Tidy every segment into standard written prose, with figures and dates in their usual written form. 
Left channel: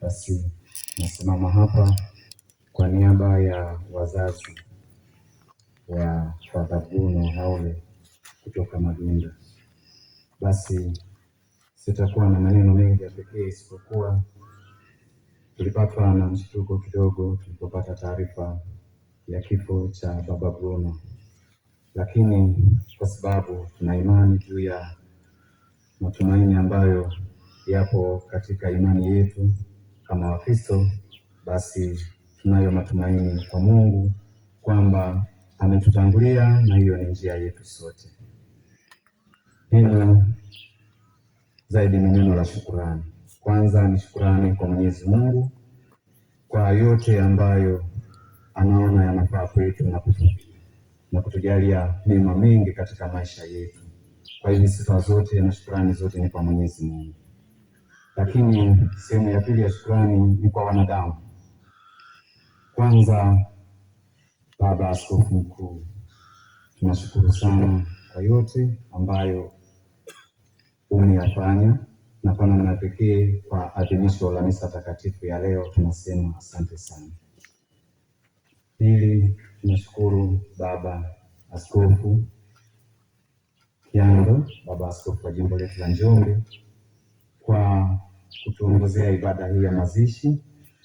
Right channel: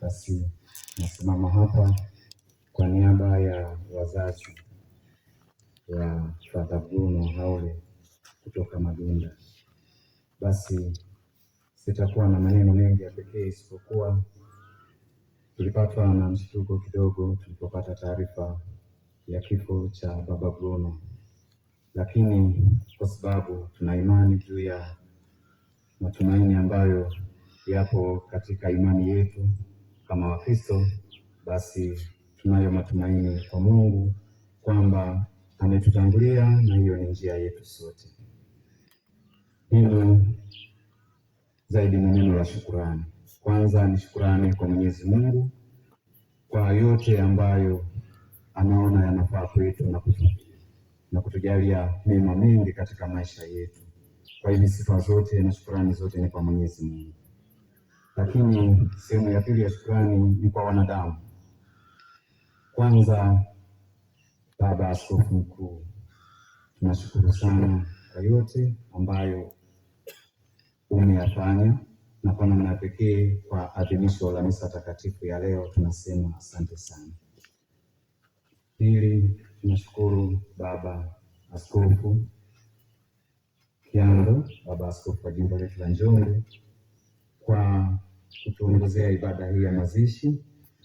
Basi nasimama hapa kwa niaba ya wazazi wa Father Bruno Haule kutoka Madunda. Basi sitakuwa na maneno mengi ya pekee, isipokuwa tulipatwa na mshtuko kidogo tulipopata taarifa ya kifo cha Baba Bruno, lakini kwa sababu tuna imani juu ya matumaini ambayo yapo katika imani yetu kama Wakristo, basi tunayo matumaini kwa Mungu kwamba ametutangulia na hiyo ni njia yetu sote. Neno zaidi ni neno la shukurani. Kwanza ni shukurani kwa Mwenyezi Mungu kwa yote ambayo anaona yanafaa kwetu na kutujalia mema mengi katika maisha yetu. Kwa hiyo sifa zote na shukurani zote ni kwa Mwenyezi Mungu. Lakini sehemu ya pili ya shukurani ni kwa wanadamu. Kwanza, Baba Askofu Mkuu, tunashukuru sana kwa yote ambayo umeyafanya, na kwa namna pekee kwa adhimisho la misa takatifu ya leo tunasema asante sana. Pili, tunashukuru Baba Askofu Kiando, Baba Askofu wa jimbo letu la Njombe, kwa kutuongozea ibada hii ya mazishi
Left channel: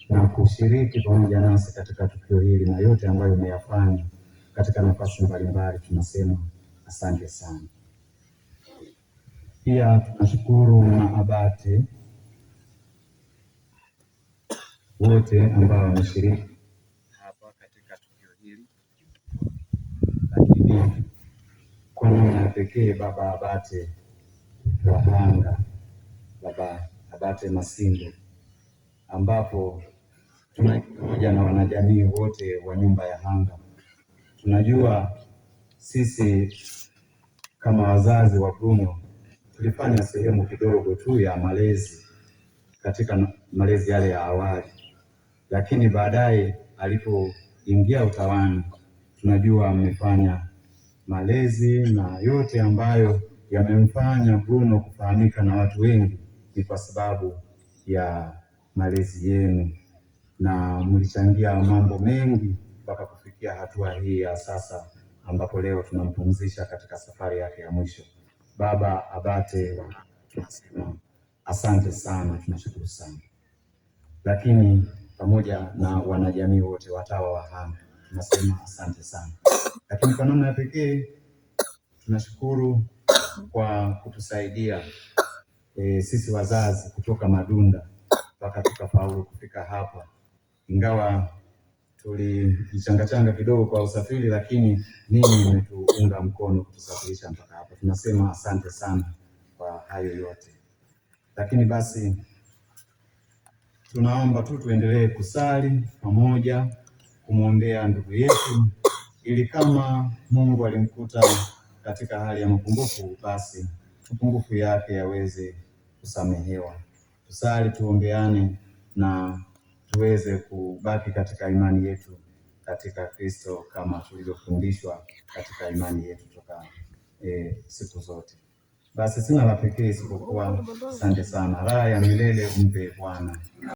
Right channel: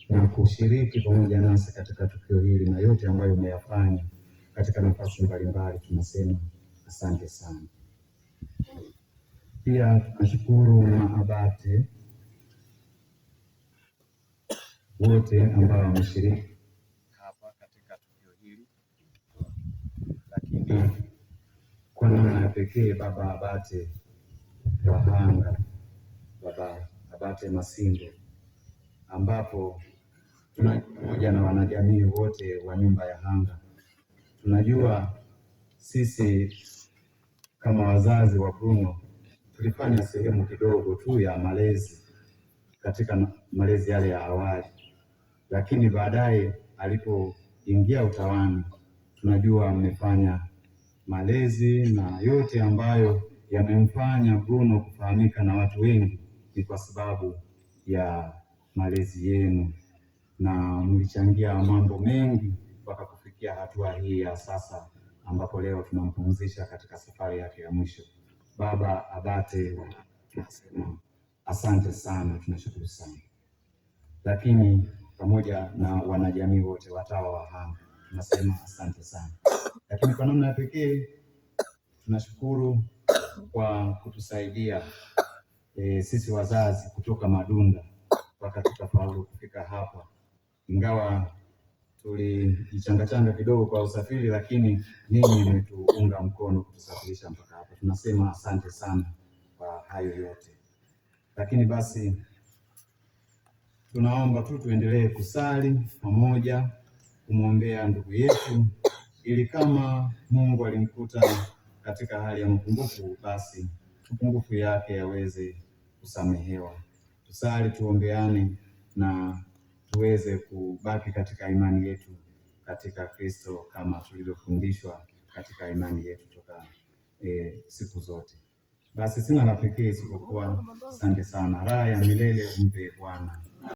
na kushiriki pamoja nasi katika tukio hili na yote ambayo umeyafanya katika nafasi mbalimbali, tunasema asante sana. Pia tunashukuru maabate wote ambao wameshiriki hapa katika tukio hili, lakini kwa namna ya pekee Baba Abate wa Hanga, Baba Abate Masingo, ambapo pamoja na wanajamii wote wa nyumba ya Hanga. Tunajua sisi kama wazazi wa Bruno tulifanya sehemu kidogo tu ya malezi katika malezi yale ya awali, lakini baadaye alipoingia utawani tunajua amefanya malezi, na yote ambayo yamemfanya Bruno kufahamika na watu wengi ni kwa sababu ya malezi yenu, na mlichangia mambo mengi mpaka kufikia hatua hii ya sasa ambapo leo tunampumzisha katika safari yake ya mwisho. Baba Abate, tunasema asante sana, tunashukuru sana. Lakini pamoja na wanajamii wote watawa wa Hanga tunasema asante sana. Lakini kwa namna ya pekee tunashukuru kwa kutusaidia sisi wazazi kutoka Madunda mpaka tukafaulu kufika hapa, ingawa tulijichangachanga kidogo kwa usafiri, lakini ninyi mmetuunga mkono kutusafirisha mpaka hapa. Tunasema asante sana kwa hayo yote. Lakini basi tunaomba tu tuendelee kusali pamoja kumwombea ndugu yetu, ili kama Mungu alimkuta katika hali ya mapungufu, basi mapungufu yake yaweze kusamehewa. Tusali, tuombeane na tuweze kubaki katika imani yetu katika Kristo kama tulivyofundishwa katika imani yetu toka siku zote. Basi sina la pekee isipokuwa asante sana. Raha ya milele umpe Bwana.